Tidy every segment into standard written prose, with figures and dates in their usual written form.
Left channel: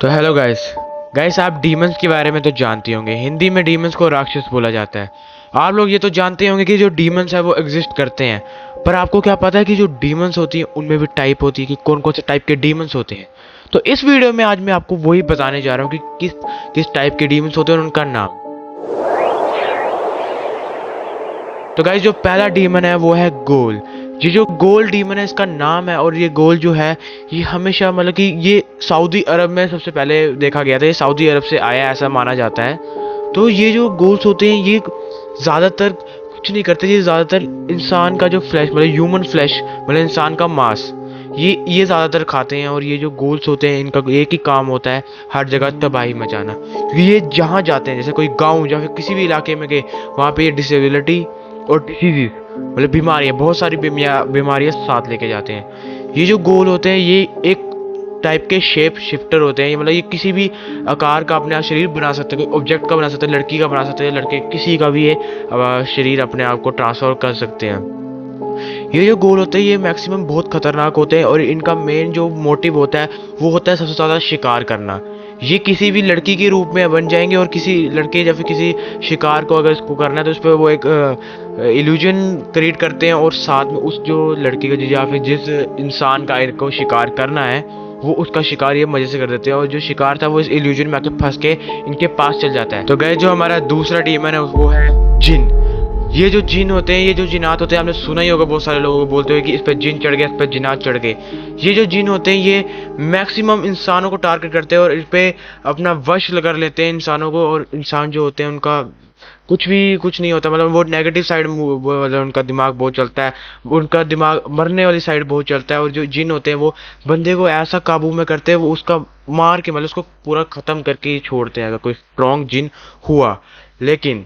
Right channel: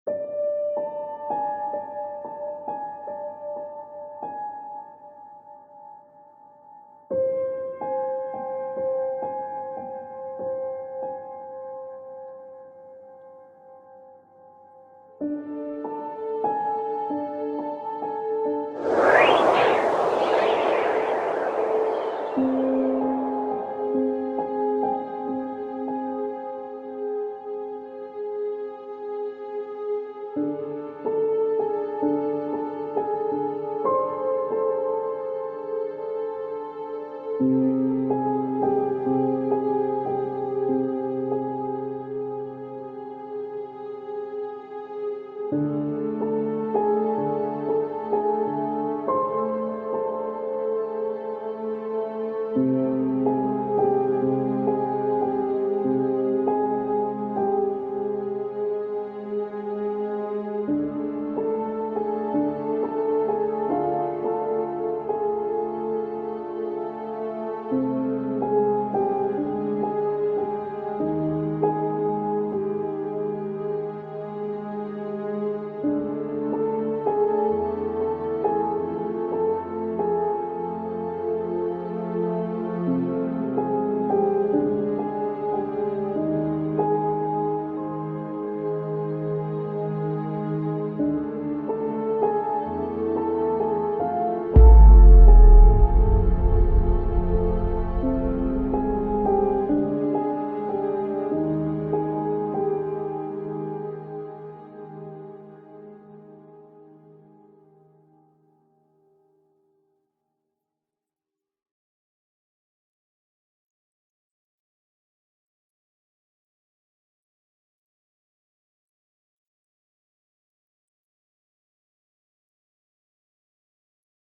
तो hello guys. Guys, आप demons के बारे में तो जानते होंगे। हिंदी में डीमंस को राक्षस बोला जाता है। आप लोग ये तो जानते होंगे कि जो डीमंस है वो एग्जिस्ट करते हैं। पर आपको क्या पता है कि जो डीमंस होती है उनमें भी टाइप होती है कि कौन कौन से टाइप के डीमंस होते हैं। तो इस वीडियो में आज मैं आपको वही बताने जा रहा हूँ कि किस किस टाइप के डीमंस होते हैं और उनका नाम। तो गाइस, जो पहला डीमन है वो है गोल। ये जो गोल डीमन है इसका नाम है, और ये गोल जो है ये हमेशा मतलब कि ये सऊदी अरब में सबसे पहले देखा गया था। ये सऊदी अरब से आया ऐसा माना जाता है। तो ये जो गोल्स होते हैं ये ज्यादातर कुछ नहीं करते। ये ज्यादातर इंसान का जो फ्लैश मतलब ह्यूमन फ्लैश मतलब इंसान का मांस ये ज्यादातर खाते हैं। और ये जो गोल्स होते हैं इनका एक ही काम होता है, हर जगह तबाही मचाना। क्योंकि ये जहाँ जाते हैं, जैसे कोई गांव या फिर किसी भी इलाके में गए, वहाँ पे ये डिसेबिलिटी और डिसीजेज मतलब बीमारियां, बहुत सारी बीमारियां साथ लेके जाते हैं। ये जो गोल होते हैं ये एक टाइप के शेप शिफ्टर होते हैं। ये मतलब ये किसी भी आकार का अपने आप शरीर बना सकते हैं। कोई ऑब्जेक्ट का बना सकते हैं, लड़की का बना सकते हैं, लड़के किसी का भी ये शरीर अपने आप को ट्रांसफर कर सकते हैं। ये जो गोल होते हैं ये मैक्सिमम बहुत खतरनाक होते हैं, और इनका मेन जो मोटिव होता है वो होता है सबसे ज्यादा शिकार करना। ये किसी भी लड़की के रूप में बन जाएंगे, और किसी लड़के या फिर किसी शिकार को अगर इसको करना है तो उस पर वो एक इल्यूजन क्रिएट करते हैं, और साथ में उस जो लड़की का या फिर जिस इंसान का इनको शिकार करना है वो उसका शिकार ये मजे से कर देते हैं। और जो शिकार था वो इस इल्यूजन में आके फंस के इनके पास चल जाता है। तो गए जो हमारा दूसरा डीमन है वो है जिन। ये जो जिन होते हैं, ये जो जिनात होते हैं, आपने सुना ही होगा, बहुत सारे लोगों को बोलते हुए कि इस पे जिन चढ़ गया, इस पे जिनात चढ़ गए। ये जो जिन होते हैं ये मैक्सिमम इंसानों को टारगेट करते हैं और इस पे अपना वश कर लेते हैं इंसानों को। और इंसान जो होते हैं उनका कुछ नहीं होता, मतलब वो नेगेटिव साइड मतलब उनका दिमाग बहुत चलता है। उनका दिमाग मरने वाली साइड बहुत चलता है। और जो जिन होते हैं वो बंदे को ऐसा काबू में करते हैं, वो उसका मार के मतलब उसको पूरा खत्म करके ही छोड़ते हैं अगर कोई स्ट्रॉन्ग जिन हुआ। लेकिन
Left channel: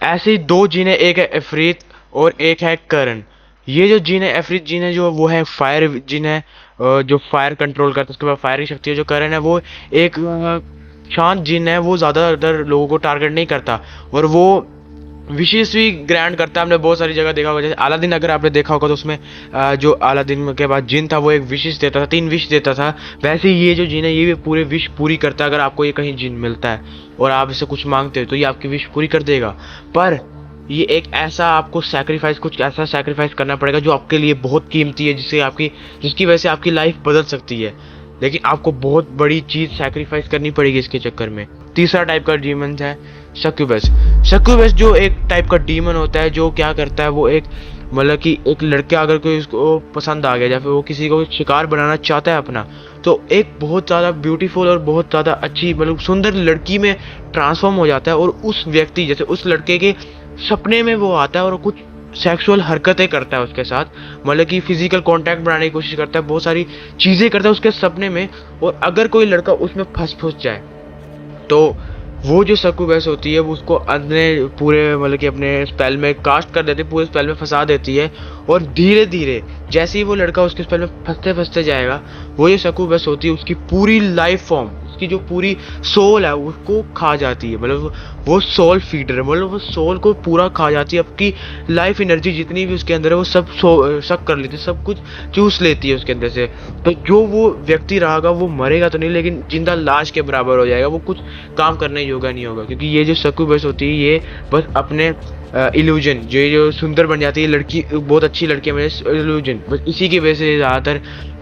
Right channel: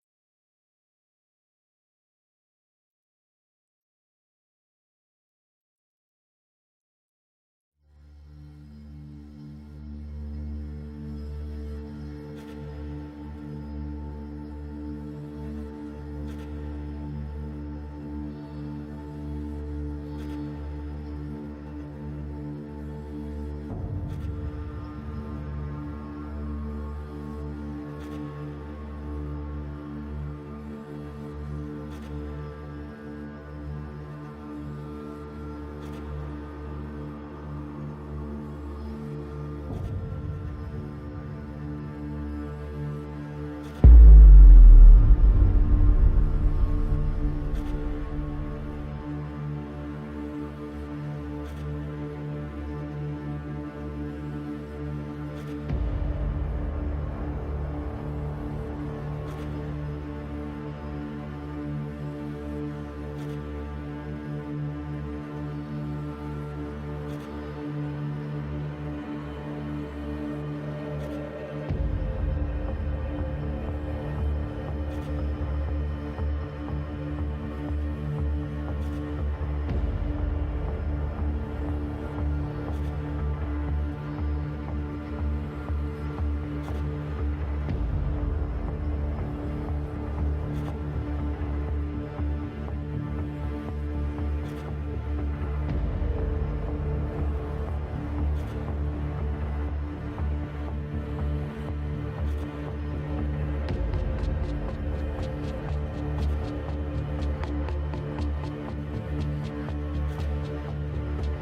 ऐसे ही दो जीन है, एक है अफरीत और एक है करण। ये जो जीन है अफरीत जीन है जो वो है फायर जीन है, जो फायर कंट्रोल करता है, उसके बाद फायर की शक्ति है। जो करण है वो एक शांत जिन है, वो ज्यादातर लोगों को टारगेट नहीं करता, और वो विशेष भी ग्रैंड करता है। हमने बहुत सारी जगह देखा होगा, जैसे अलादीन अगर आपने देखा होगा तो उसमें जो अलादीन के बाद जिन था वो एक विशेष देता था, 3 विश देता था। वैसे ही ये जो जिन है ये भी पूरे विश पूरी करता है। अगर आपको ये कहीं जिन मिलता है और आप इससे कुछ मांगते हो तो ये आपकी विश पूरी कर देगा। पर ये एक ऐसा आपको सैक्रिफाइस कुछ ऐसा सैक्रिफाइस करना पड़ेगा जो आपके लिए बहुत कीमती है, जिसकी वजह से आपकी लाइफ बदल सकती है। लेकिन आपको बहुत बड़ी चीज सैक्रिफाइस करनी पड़ेगी इसके चक्कर में। तीसरा टाइप का डीमन है सक्यूबस। सक्यूबस जो एक टाइप का डीमन होता है जो क्या करता है, वो एक मतलब कि एक लड़का अगर कोई उसको पसंद आ गया या फिर वो किसी को शिकार बनाना चाहता है अपना, तो एक बहुत ज़्यादा ब्यूटीफुल और बहुत ज़्यादा अच्छी मतलब सुंदर लड़की में ट्रांसफॉर्म हो जाता है। और उस व्यक्ति जैसे उस लड़के के सपने में वो आता है और कुछ सेक्सुअल हरकतें करता है उसके साथ, मतलब कि फिजिकल कांटेक्ट बनाने की कोशिश करता है, बहुत सारी चीज़ें करता है उसके सपने में। और अगर कोई लड़का उसमें फंस जाए तो वो जो सक्यूबस होती है वो उसको अपने पूरे मतलब कि अपने स्पेल में कास्ट कर देती है, पूरे स्पेल में फंसा देती है। और धीरे धीरे जैसे ही वो लड़का उसके स्पेल में फंसते फंसते जाएगा, वो जो सक्यूबस होती है उसकी पूरी लाइफ फॉर्म, उसकी जो पूरी सोल है उसको खा जाती है। मतलब वो सोल फीडर है, मतलब वो सोल को पूरा खा जाती है। आपकी लाइफ एनर्जी जितनी भी उसके अंदर है वो सब सक कर लेती है, सब कुछ चूस लेती है उसके अंदर से। तो जो वो व्यक्ति रहेगा वो मरेगा तो नहीं, लेकिन जिंदा लाश के बराबर हो जाएगा, वो कुछ काम करने योग्य नहीं होगा। क्योंकि ये जो सक्यूबस होती है ये बस अपने इल्यूजन जो सुंदर बन जाती है लड़की, बहुत अच्छी लड़की है इल्यूजन, बस इसी की वजह से ज्यादातर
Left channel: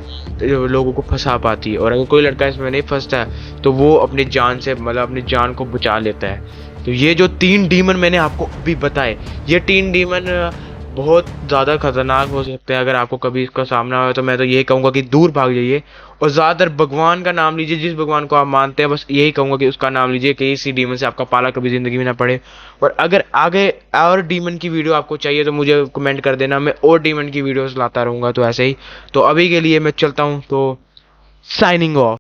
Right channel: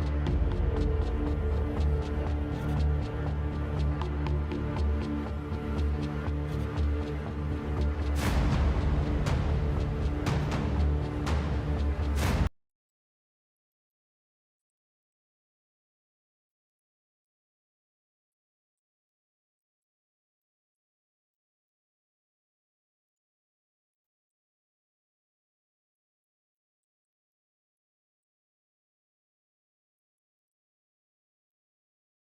लोगों को फंसा पाती है। और अगर कोई लड़का इसमें नहीं फंसता है तो वो अपनी जान से मतलब अपनी जान को बचा लेता है। तो ये जो 3 डीमन मैंने आपको अभी बताए, ये 3 डीमन बहुत ज़्यादा खतरनाक हो सकते हैं। अगर आपको कभी इसका सामना हो तो मैं तो यही कहूँगा कि दूर भाग जाइए, और ज़्यादातर भगवान का नाम लीजिए। जिस भगवान को आप मानते हैं बस यही कहूँगा कि उसका नाम लीजिए, कि इसी डीमन से आपका पाला कभी ज़िंदगी में ना पड़े। और अगर आगे और डीमन की वीडियो आपको चाहिए तो मुझे कमेंट कर देना, मैं और डीमन की वीडियोस लाता रहूँगा। तो ऐसे ही, तो अभी के लिए मैं चलता हूँ, तो साइनिंग ऑफ।